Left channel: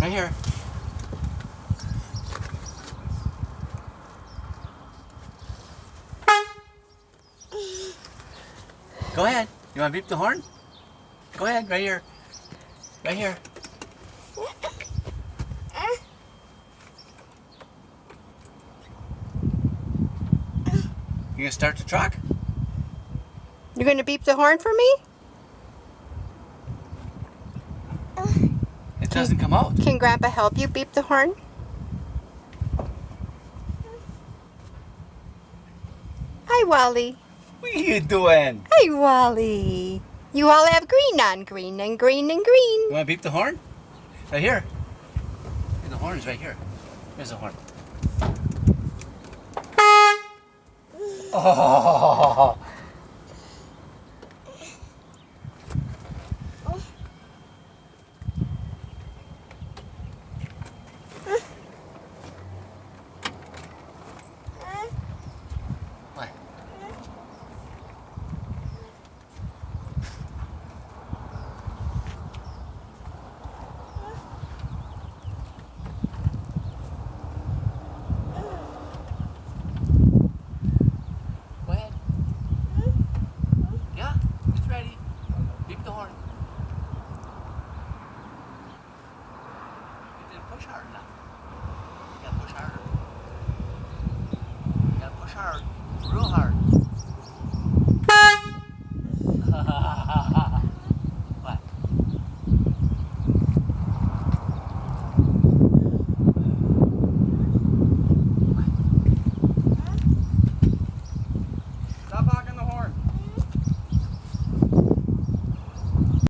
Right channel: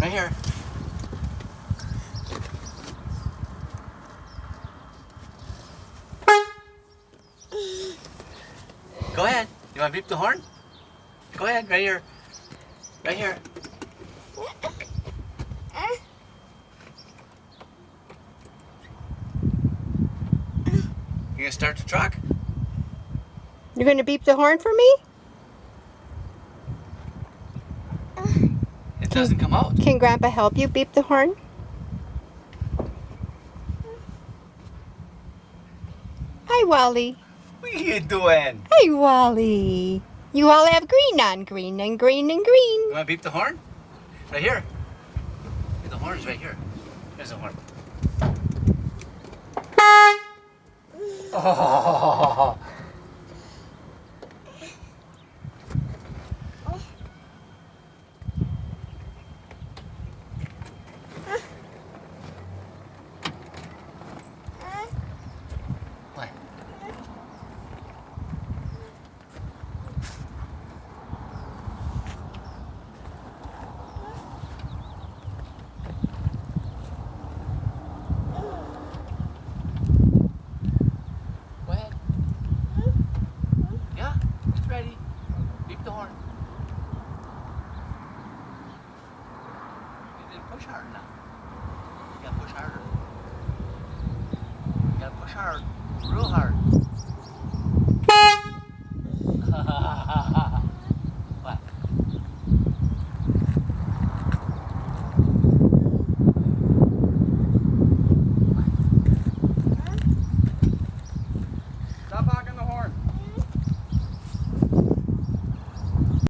Right here. Go ahead. You want to beep the horn? Go ahead, right here. Right here. You gonna start the truck? You're going to beep the horn for me? It doesn't come out. Can Grandpa help you beep the horn? Hi, Wally. What are you doing? Hi, Wally. You all have green on. Green and green and green. You want to beep the horn? Right here. The horn is right here. Here's the horn. Oh. What? Go ahead. Yeah, it's ready. Beep the horn. You didn't push hard enough. You gotta push harder. You gotta push hard. Real hard.